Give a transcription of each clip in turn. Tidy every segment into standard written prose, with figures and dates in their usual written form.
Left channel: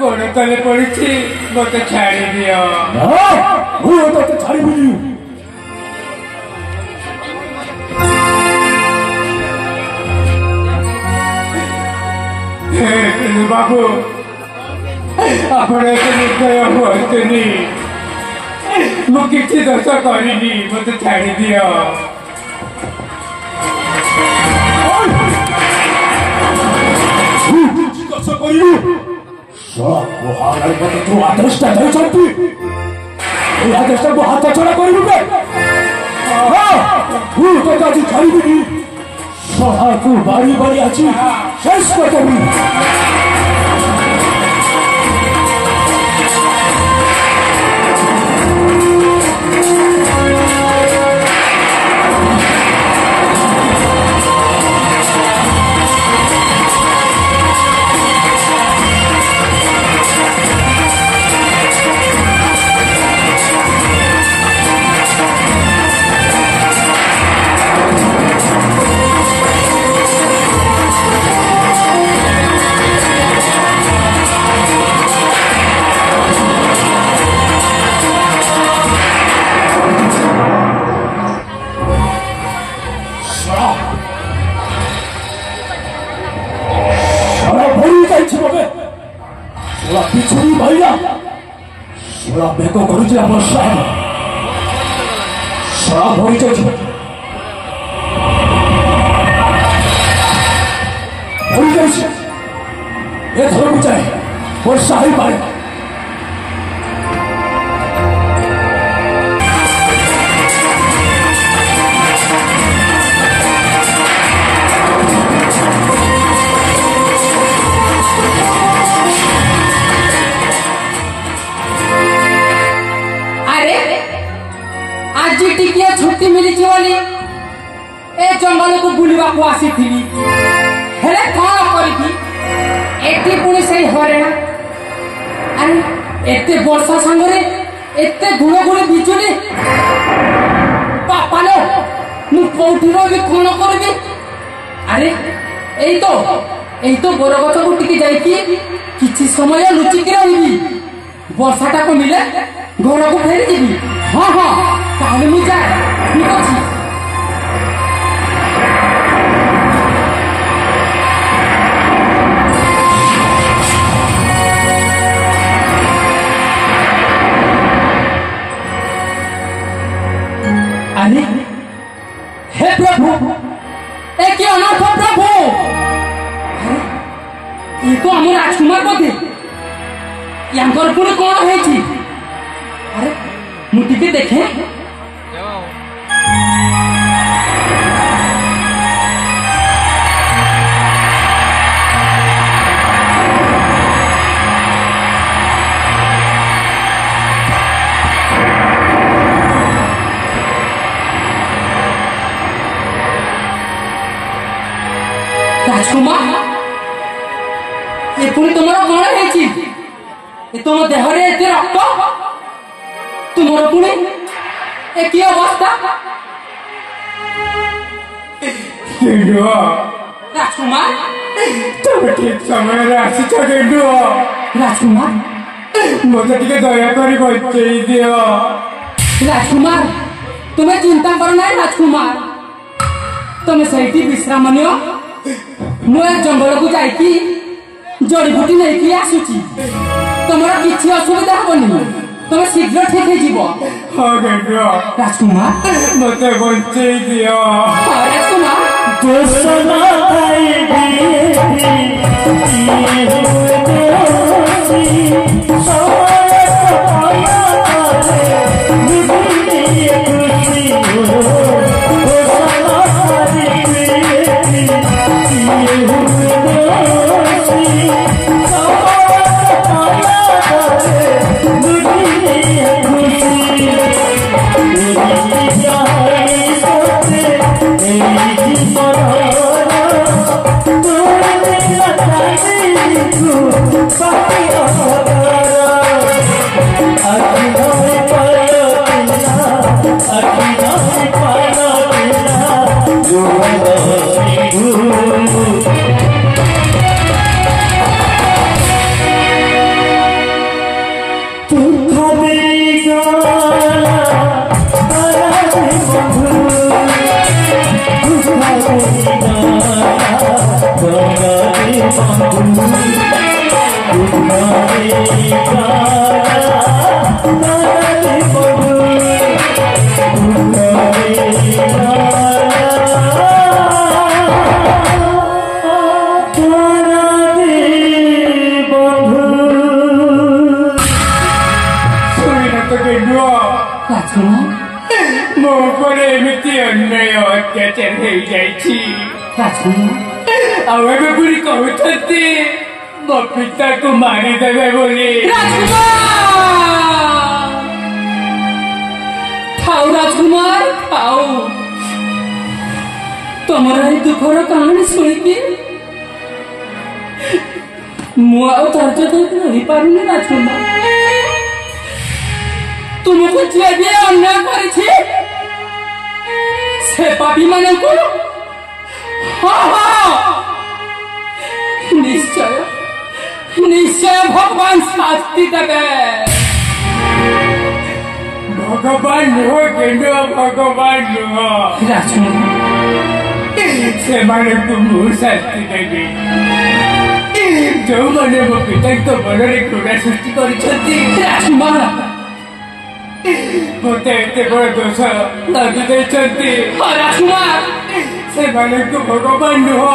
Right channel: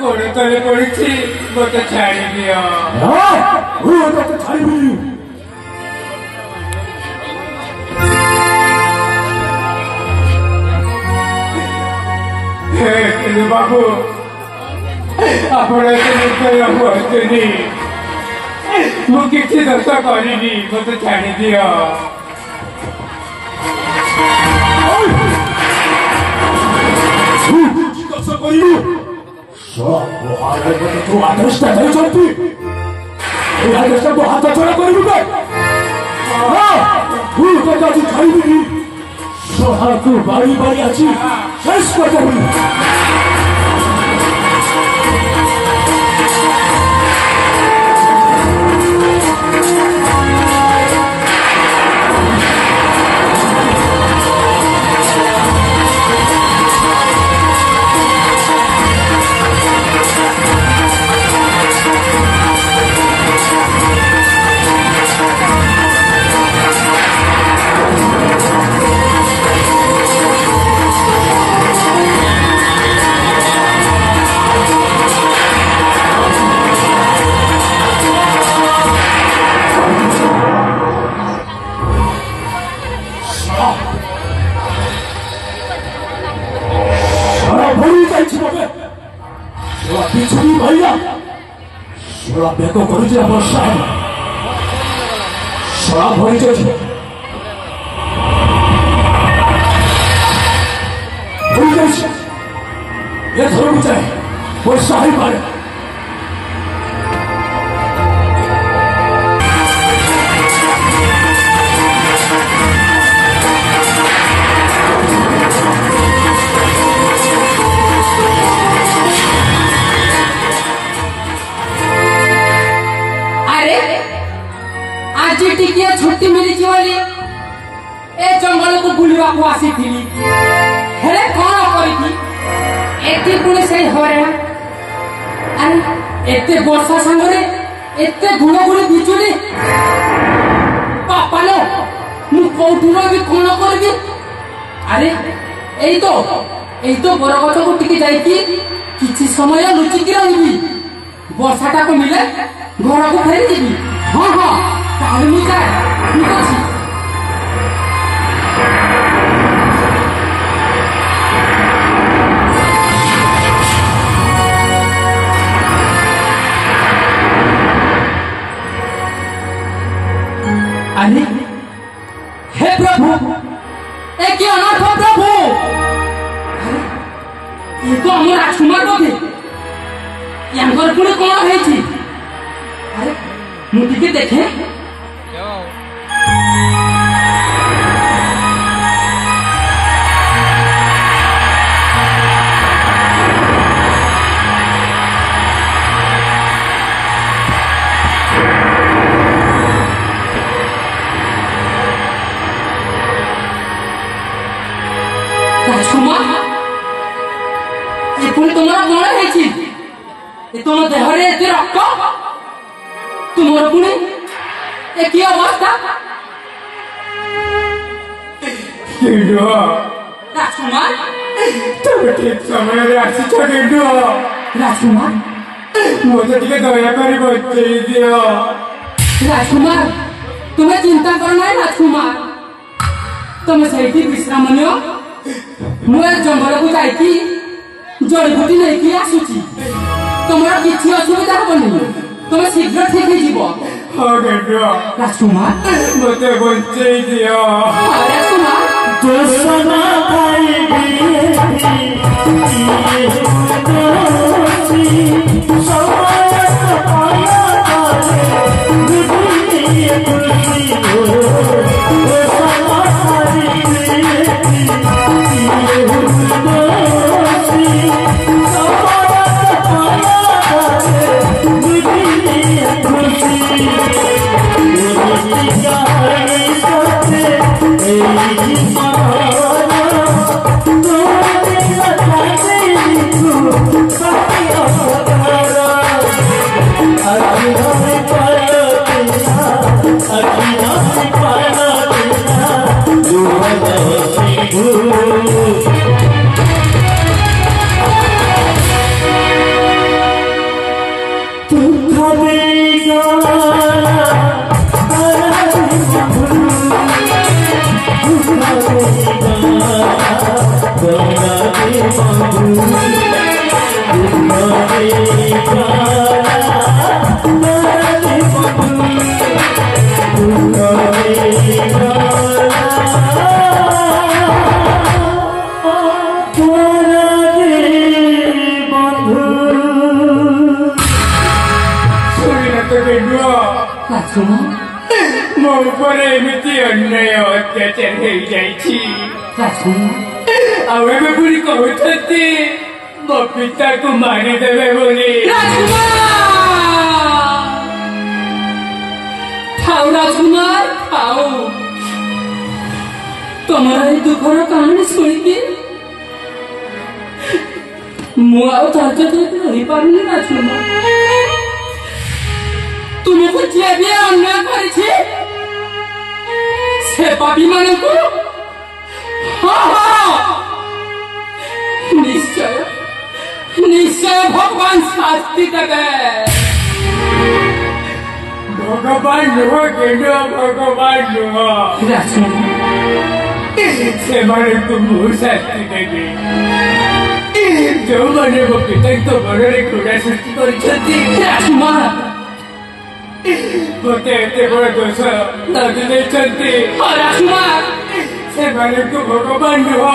गोड़े तले पड़ी थी मत छाड़ी दिया बाबू अपने हुआ मु किसी दशा करी मत छाड़ी दिया तू आदर्श नहीं चलती आदर्श को हाथ छोड़ा करी खाई को बारी बारी अच्छी शेष कर पिछड़ी भैया सोरा बेको भरिजे वर्षा सोरा भरिजे ये धर्म चाहे वर्षा ही पाए छुट्टी मिली बोली ए जंगल को बुलवा को आसी थी हेले कौन करी एती पुणी से हरे अरे एते वर्षा संगरे एते गुण गुण बिचुली पापा लो मु कोठुरो भी कोन करबी अरे एई तो बरगछ को टिके जाई किछि समय लुचि के रहिबी वर्षाटा को मिले घर को फेरी जीबी हां हां ताहले मु जाए ठीक अछि अरे हे प्रभु ए क्या अनाथ प्रभु ये तो हम राजकुमार बोधे यांगर पुणे कोन हेछि अरे मु टिके देखे राजकुमार ये पुणी तुम्हारा कौन है तुम देहरे एते रक्त तुम्हारा पुणी एक अवस्था राजकुमार तुम ठीक समय आसी राजकुमार मुझे टिके दया कर बचई दियो राजकुमार तुम्हें चिंता करना है राजकुमार तुम सही विश्राम नियो मुझे जंगल को जाइकी जड़ीबूटी नहीं आसुची तुम किसी असुविधा हेनी तुम शीघ्र ठीक हो राजकुमार मत बचे दियो मो पर एमती अन्याय अत्याचार हो कहते मो पिता को मारिदेवे बोली राजकुमार खाओ तुम्हारा दुखर कहानी शुणी मुझे रही पारूनी राजकुमार तुमको जे भी अन्याय करी से पापी माने को निश्चय निश्चय भगवान शास्ति देवे भगवान नुह केंद्र भगवान नुह से माने तुम शास्ति देवी जो मैंने मो पिता तो बड़े क्रूरा सृष्टि कर मत बड़ दोष लगी से भगवान नुह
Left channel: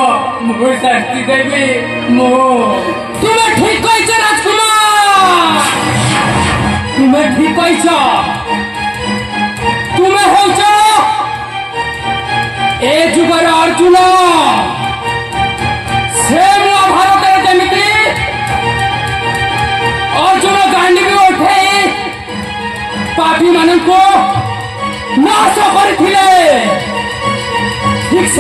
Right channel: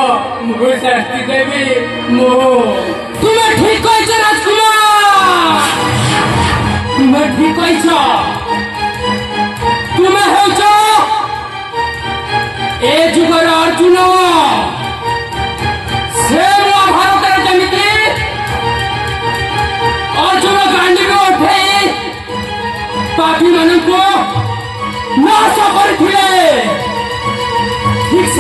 मु शास्ति देवी मो तुम्हें ठीक राजकुमार तुम्हें ठीक तुम्हें ए जुगर अर्जुन से महाभारत जमी अर्जुन गांडी में उठे पापी मान को नाश करथिले ठीक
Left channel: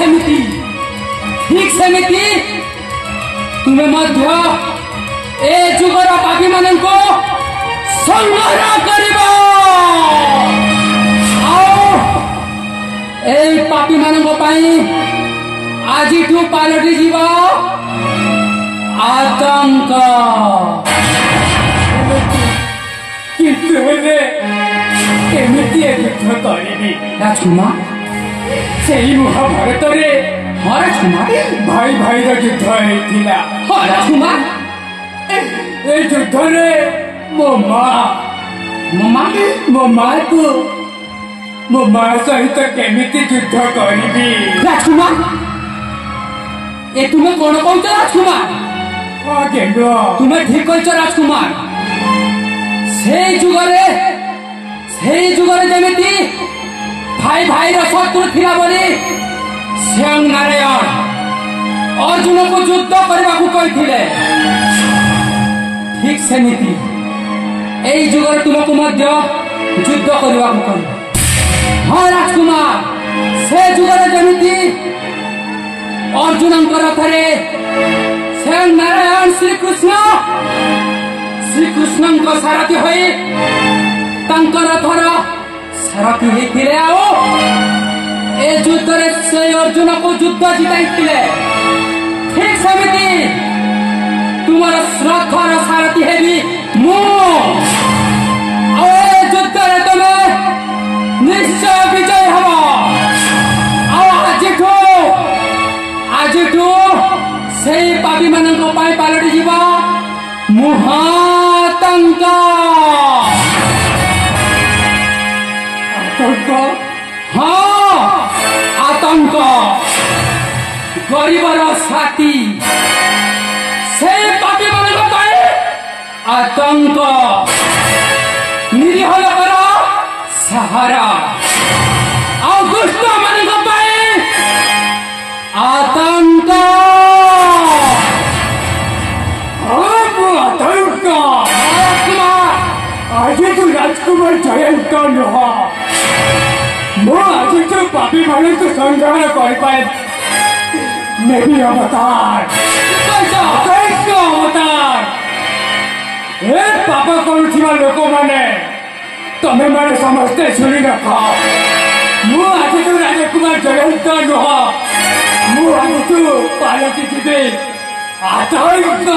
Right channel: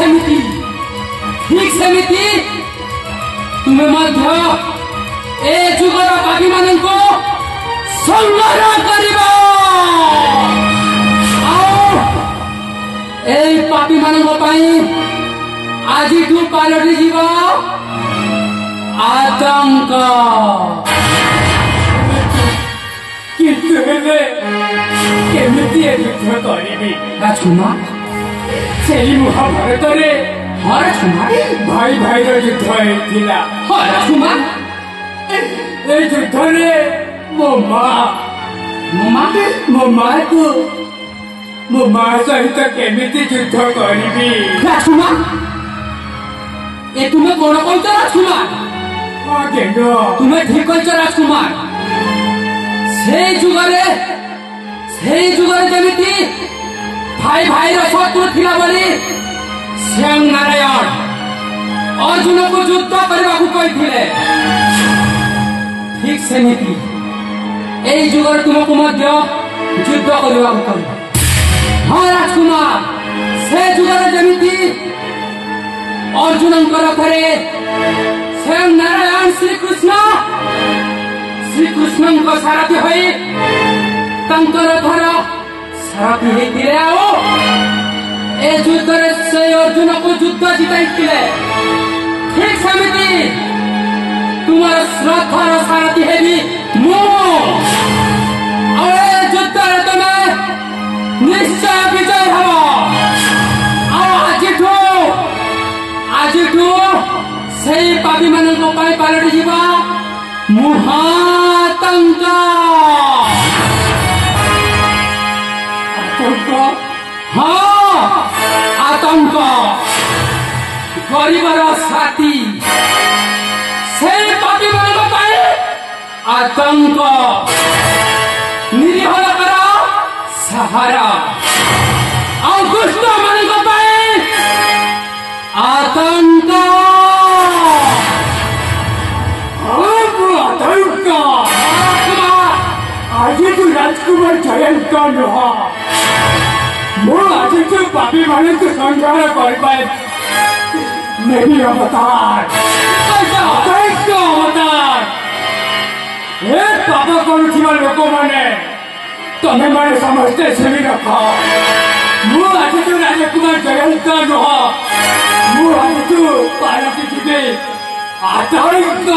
सेमिति तुम्हें मध्य ए जुगर पापी मान को संहार करिबा ए पापी मान आज पालटि जीव आतंक केमती युद्ध करी राजकुमार से महाभारत भाई भाई युद्ध राजकुमार ए युद्ध मो माँ को मो माँ सहित केमिति युद्ध करी राजकुमार ए तुम्हें कौन कौच राजकुमार तुम्हें ठीक कह राजकुमार से जुगरे जमी भाई भाई शत्रु थिला बोली श्याम नारायण अर्जुन को युद्ध करने को कही ठीक सेमिति ए जुगर तुमको मध्य युद्ध करने को कह हाँ राजकुमार से जुगरे जमी अर्जुन रथरे श्याम नारायण श्रीकृष्ण सारथी हो रथर सारथी होते ए युद्ध से अर्जुन को युद्ध जिताई ठीक सेमती तुम रथर सारथी हेबी युद्ध तुम्हें निश्चय विजय हम आज से पापी मान पलटि जीवा महातंक हाँ आतंक गरीबर साथी से पापी मान आतंक निरीह लोकर सहारा दुष्ट मान आतंक आज तू राजकुमार जयंत नुह आज तू पापी मान संग्रह कर पाए मेरी अवतार अवतार पाप करुवा लोक मैंने तमें मैंने समस्ते शुणी रख आज तू राजकुमार जयंत नुह आज तू पालकी जीवे आतंक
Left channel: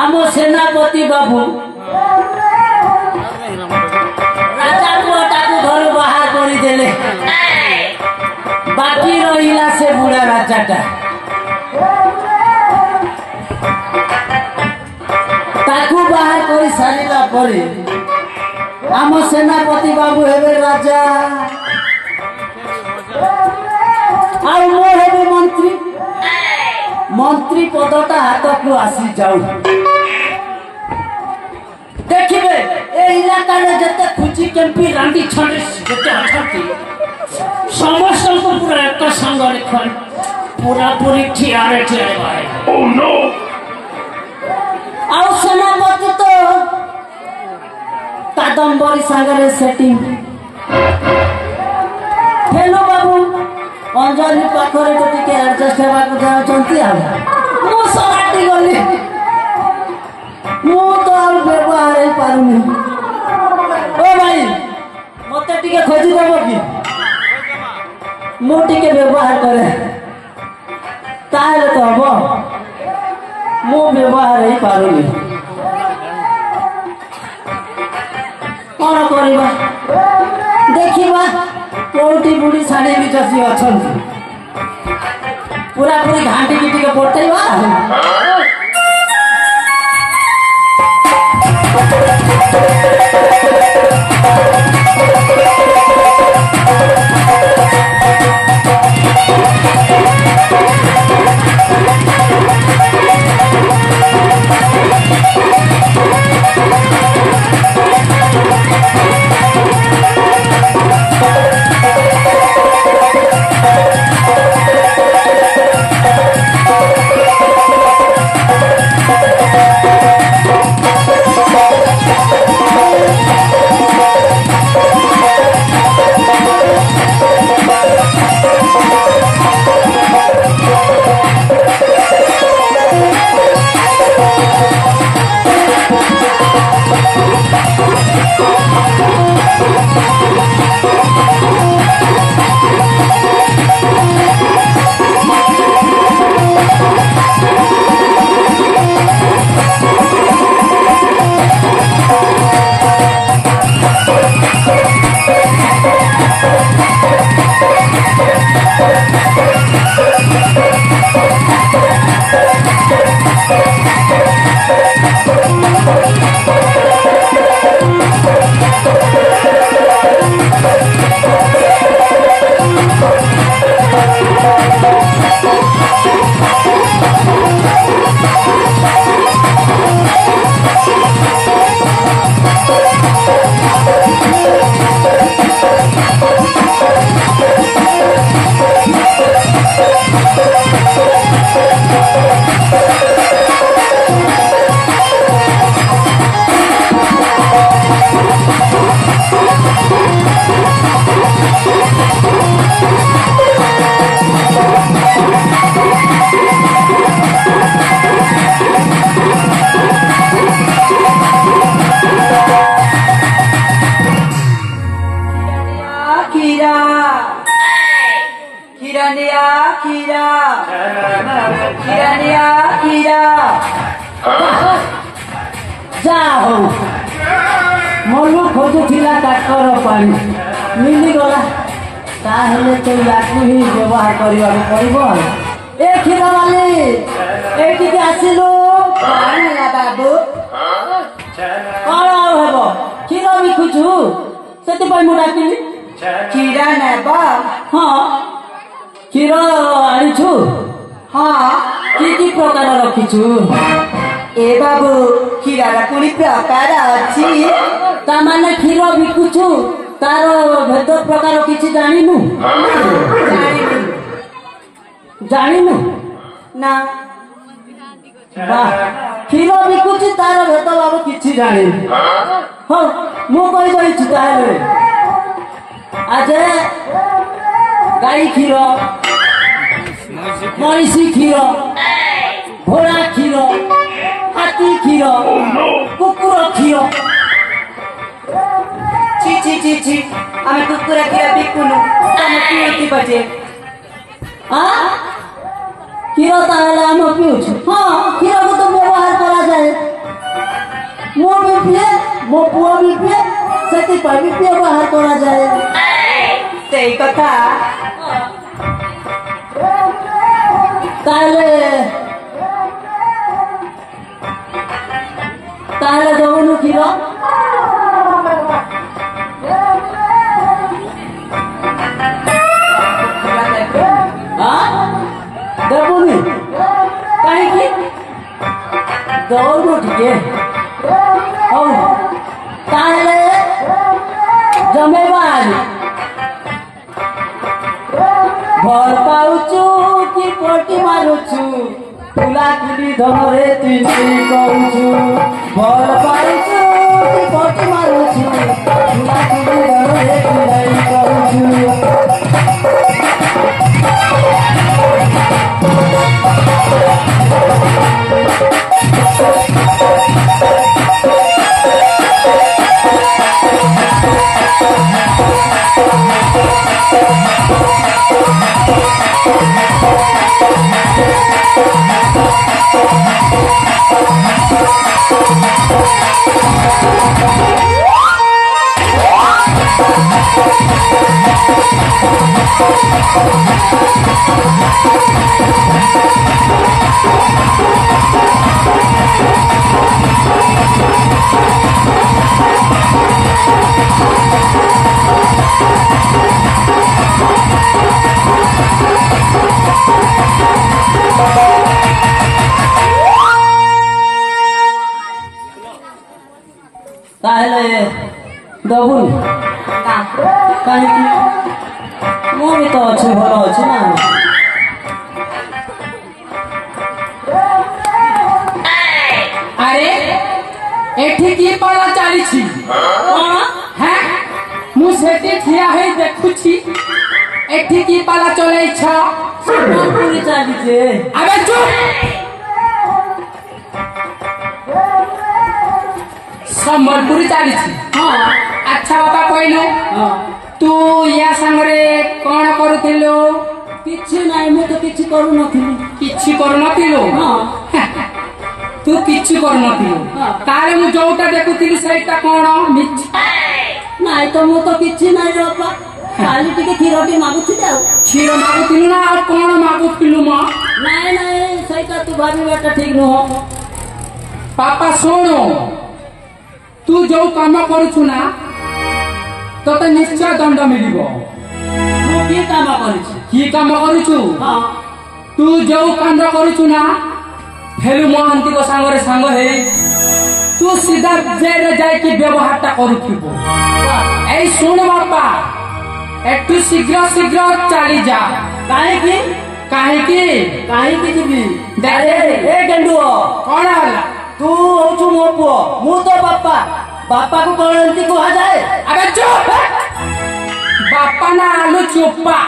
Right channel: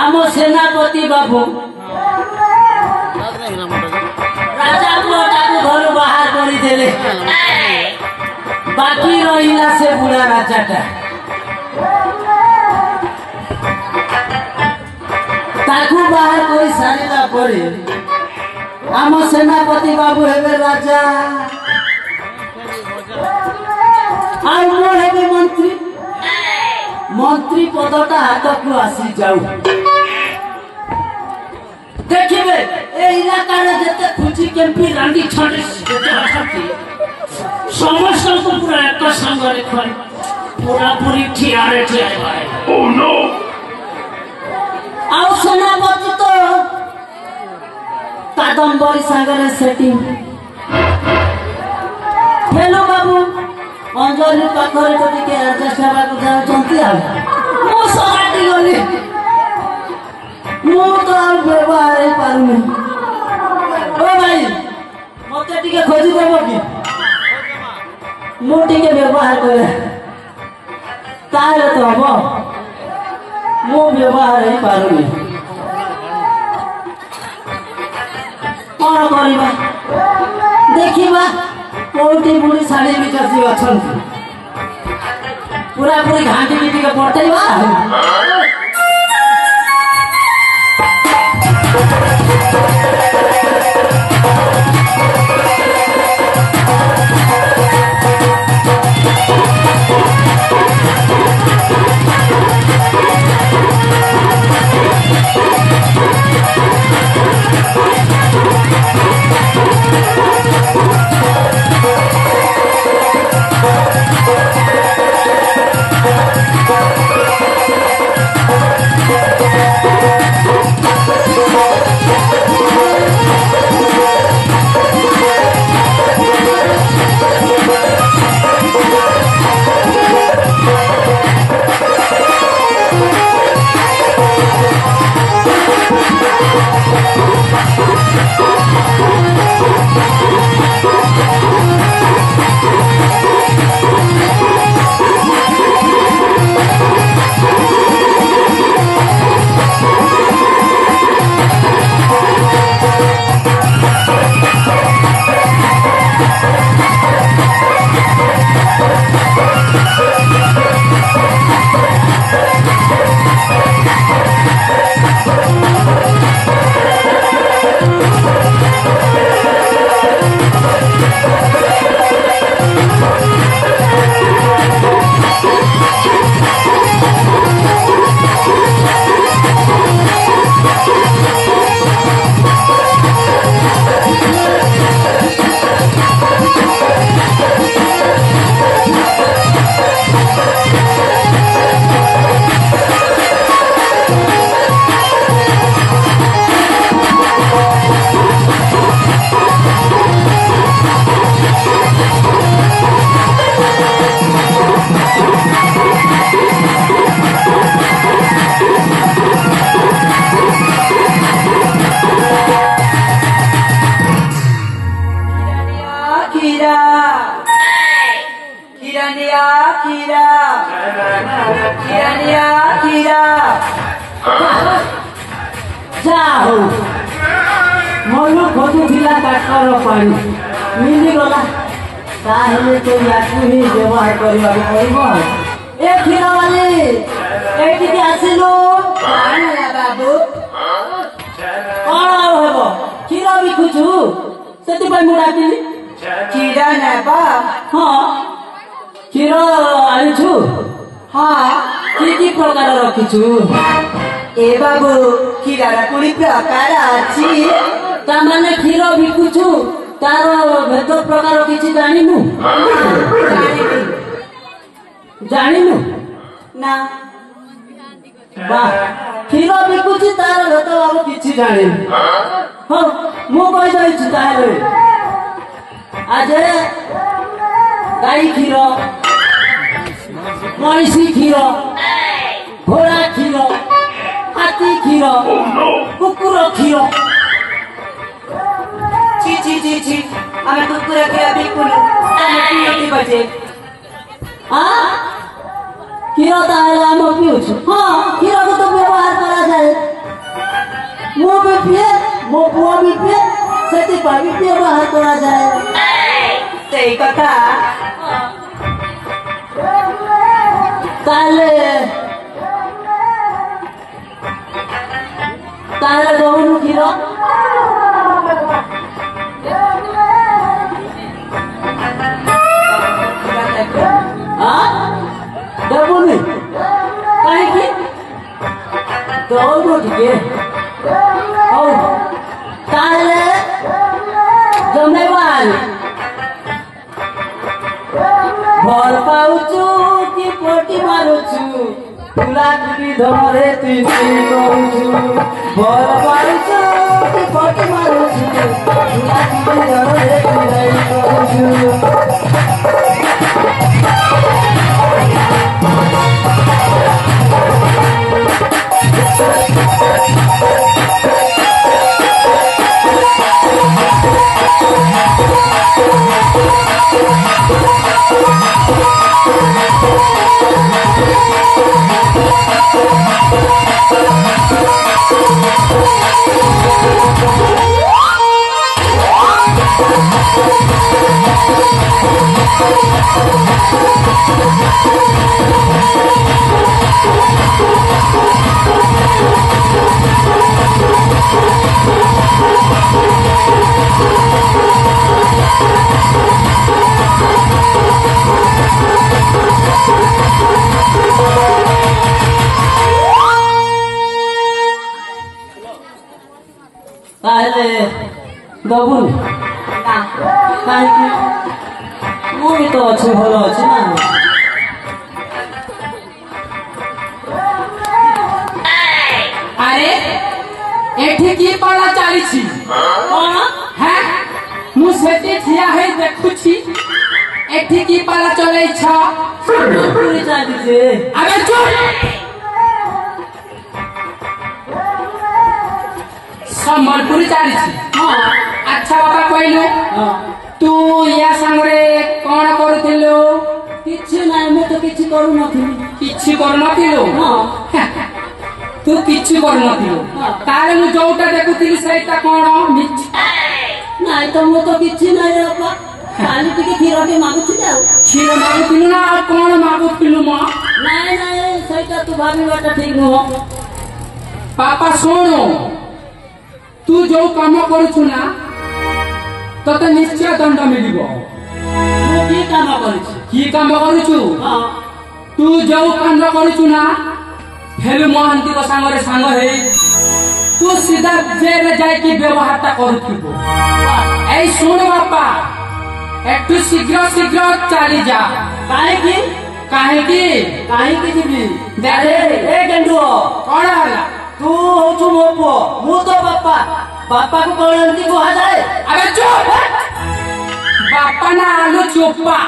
आम सेनापति बाबू राजा पुअटा घर बाहर करदे बाकी रहा से बुढ़ा राजाटा ताकू बाहर कर सारा पर आम सेनापति बाबू हेबे राजा हेबे मंत्री मंत्री पदटा हाथ को आसी जाऊ देखिए ए इलाकार जते खुची केम्पी रांडी छंडी जते अछती समस्त को पूरा एक संग रे खन पूरा पूरी ठियारे मारे ओह नो आउ सेनापति तो कादम्बरी सागरे सेटिंग हेलो बाबू अंजलि पाखरे तो टिके एडजस्ट हेबा को जाउचंती आ मो सराटी गली मो तो और व्यवहार पारुनी ओ भाई मते टिके खोजी देबो कि मो टिके व्यवहार करे ताले तो हबो मो व्यवहार ही पारुनी कोन करिबा देखिबा कोटी बुढ़ी साड़ी भी चासी अछंती पूरा पूरी घाटी की टिके पड़तैबा ଯାହଉ ମନ ଖୋଜୁଥିଲା କାଠର ପାଣି ମିଳିଗଲା ତାହେଲେ ତ ୟାକୁ ହିଁ ବ୍ୟବହାର କରିବାକୁ ପଡିବ ଏ କ୍ଷୀର ବାଲି ଏଠିକି ଆସିଲୁ ବାବୁ କଣ ଆଉ ହେବ କ୍ଷୀର ବିକୁଛୁ ସେଥିପାଇଁ ମୁଁ ଡାକିଲି କ୍ଷୀର ନେବ ହଁ କ୍ଷୀର ଆଣିଛୁ ହଁ କି ପ୍ରକାର ରଖିଛୁ ଏ ବାବୁ କ୍ଷୀରର ପୁଣି ପ୍ରକାର ଅଛି ତାମାନେ କ୍ଷୀର ବିକୁଛୁ ତାର ଭେଦ ପ୍ରକାର କିଛି ଜାଣିନୁ ଜାଣିନୁ ନା କ୍ଷୀର ବିକୁଛି ତାର ଭେଦ ଭାବ କିଛି ଜାଣିନୁ ହଉ ମୁଁ କହିଯାଇଛି ତାହେଲେ ଆଜ ଗାଈ କ୍ଷୀର ମଇଁଷି କ୍ଷୀର ଘୋଡ଼ା କ୍ଷୀର ହାତୀ କ୍ଷୀର କୁକୁର କ୍ଷୀର ছি ছি ছি ছি আমি কুকুর କ୍ଷୀର ବିକୁନୁ ଆମେ ପିଉଥିବ ଯେ କ୍ଷୀର ତାହେଲେ ଆମେ ପିଉଛୁ ହଁ କ୍ଷୀରକୁ ତ ବ୍ୟବହାର କରାଯାଏ ମୁଁ ବି ପିଏ ମୋ ପୁଅ ବି ପିଏ ସେଥିପାଇଁ ବି ବ୍ୟବହାର କରାଯାଏ ସେଇ କଥା ତାହେଲେ ତାହେଲେ ଦଉନୁ କ୍ଷୀର ଦେବୁନି କାହିଁକି ଦଉନୁ ଟିକେ ହଉ ତାହେଲେ ଜମେଇବା ଭଲ ପାଉଛୁ କି ପଟି ମାରୁଛୁ ତୁଲାକୁବି ଧନରେ ତୁଇ କରୁଛୁ ଭଲ ପାଉଛୁ କି ପଟି ମାରୁଛୁ ତୁଲାକୁବି ଧନରେ ତୁଇ କରୁଛୁ ତାହେଲେ ଦବୁନି କାହିଁକି ମୁଁ ବି ତ ଅଛି ଭଲ ଅଛି ନା আরে এଠି কি পালা চালিছি କଣ হ্যাঁ মু সেটি ঠিয়া হই দেখুছি এଠି কি পালা চলাইছ ପୁରୀ ଚାଲିଛେ আরে চুপ সম্বলপুরি চালিছি ହଁ আচ্ছা বাবা কইলু ହଁ তু ইয়া সাংরে কোন করুଥିଲୁ କିଛି ନାହିଁ ମୁଁ ତ କିଛି କରୁନଥିଲି କିଛି କରୁନଥିଲୁ ହଁ ତୁ କିଛି କରୁନଥିଲୁ ହଁ। ତାହେଲେ ମୁଁ ଯୋଉଟା ଦେଖୁଥିଲି ସେଇଟା କଣ ମିଛ ନାଇଁ ତ ମୁଁ ତ କିଛି ନାହିଁ ରେ ବାପା କାଲି ଟିକେ କ୍ଷୀର ଟିକେ ମାଗୁଥିଲି ଆଉ କ୍ଷୀର ମାଗୁଥିଲୁ ନା ଆଉ କଣ ମାଗୁଥିଲୁ ମ ନାଇଁ ନାଇଁ ସେଇଟା ତୁ ଭାବିବାଟା ଠିକ ନୁହଁ ବାପା ଶୁଣୁ ତୁ ଯୋଉ କାମ କରୁଛୁ ନା ତତେ ନିଶ୍ଚୟ ଦଣ୍ଡ ମିଳିବ ମୁଁ କି କାମ କରିଛି କି କାମ କରୁଛୁ ହଁ ତୁ ଯୋଉ କାଣ୍ଡ କରୁଛୁ ନା ଫେଲୁ ମହାନ୍ତିଙ୍କ ସାଙ୍ଗରେ ସାଙ୍ଗ ହେଇ ତୁ ସିଧା ଜେଲରେ ଯାଇକି ବ୍ୟବହାରଟା କରୁଥିବୁ এই শোন বাপা একটু শীঘ্র শীঘ্র চালি যা କାହିଁକି কাহিকি କାହିଁକି ଯିବି ଆରେ, ଏ ଗେଣ୍ଡୁଅ କଣ ହେଲା ତୁ ହଉଛୁ ମୋ ପୁଅ ମୁଁ ତ ବାପା ବାପାକୁ କଣ ଏମିତି କୁହାଯାଏ আরে চুপ বাপা না আলু চোপা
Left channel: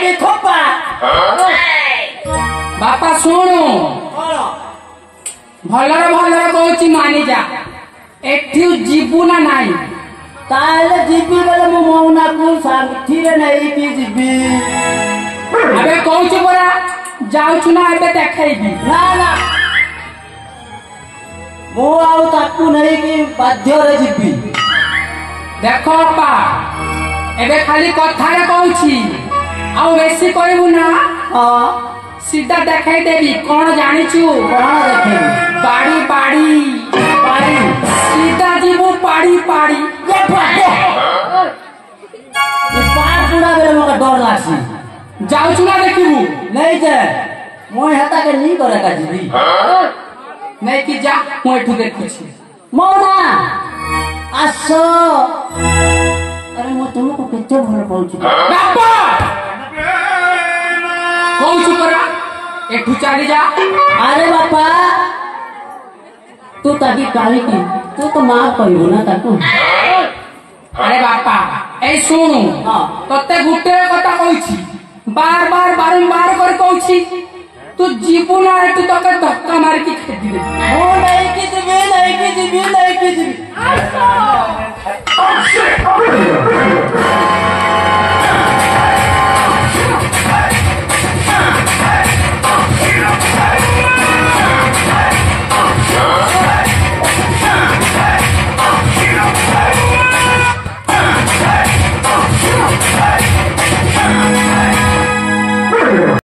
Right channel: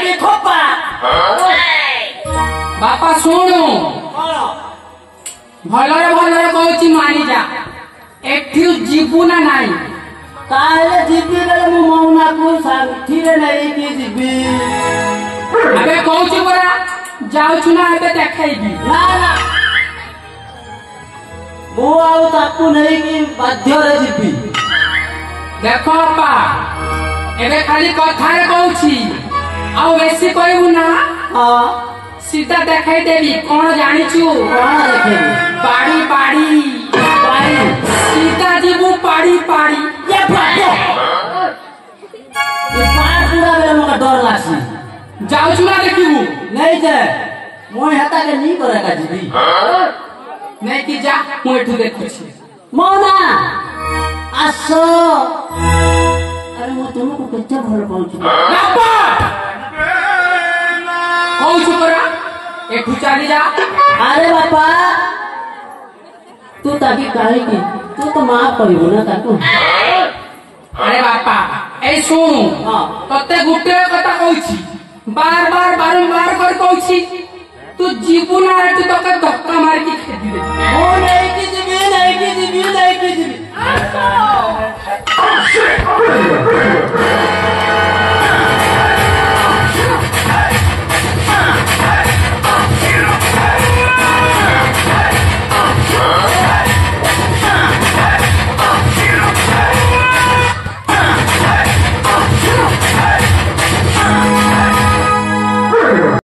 କି ଥୋପା বাপা শোনো କଣ ভলরে ভলরে কହୁছি মানি যা একটু ଯିବୁ না নাই ତାହେଲେ ଯିବି ବେଳେ ମୁଁ ମଉନାକୁ ସାଥିରେ ନେଇକି ଯିବି ଏବେ କହୁଛି ପରା ଯାଉଛୁ ନା ଏବେ ଦେଖେଇବି ନା ନା ମୁଁ ଆଉ ତାକୁ ନେଇକି ବାଧ୍ୟରେ ଯିବି ଦେଖ ବାପା ଏବେ ଖାଲି କଥାରେ କହୁଛି ଆଉ ବେଶୀ କହିବୁ ନା ହଁ ସିଧା ଦେଖେଇ ଦେବି କଣ ଜାଣିଛୁ କଣ ଦେଖିବି ବାଡି ବାଡି ପାଣି ସିଧା ଯିବୁ ପାଡି ପାଡି ଏ ପାଣି ପୁରା ବେଳେ ମୋତେ ଡର ଲାସି ଯାଉଛୁ ନା ଦେଖିବୁ ନେଇ ଯେ ମୁଁ ହେତାକେ ନି করে କା ଯିବି ନେଇକି ଯା ମୁଁ ଏଠୁ ଦେଖୁଛି ମଉନା ଆସ ଆରେ ମୁଁ ତୁମକୁ କେତେ ଭଲ ପାଉଛି ବାପା କହୁଛୁ ପରା ଏଠୁ ଚାଲି ଯା ଆରେ ବାପା ତୁ ତାକି କାହିଁକି ତୁ ତ ମା କହିବୁ ନା ତାକୁ ଆରେ ବାପା এই ଶୁଣୁ ହଁ ତତେ ଗୋଟେ କଥା କହୁଛି ବାର ବାର ବାରମ୍ବାର କରି କହୁଛି ତୁ ଯିବୁ ନା ଏଠୁ ତତେ ଧକ୍କା ମାରିକି ଖେଦିଦେବି ମୁଁ ନେଇକି ଯିବି ନେଇକି ଯିବି ନେଇକି ଯିବି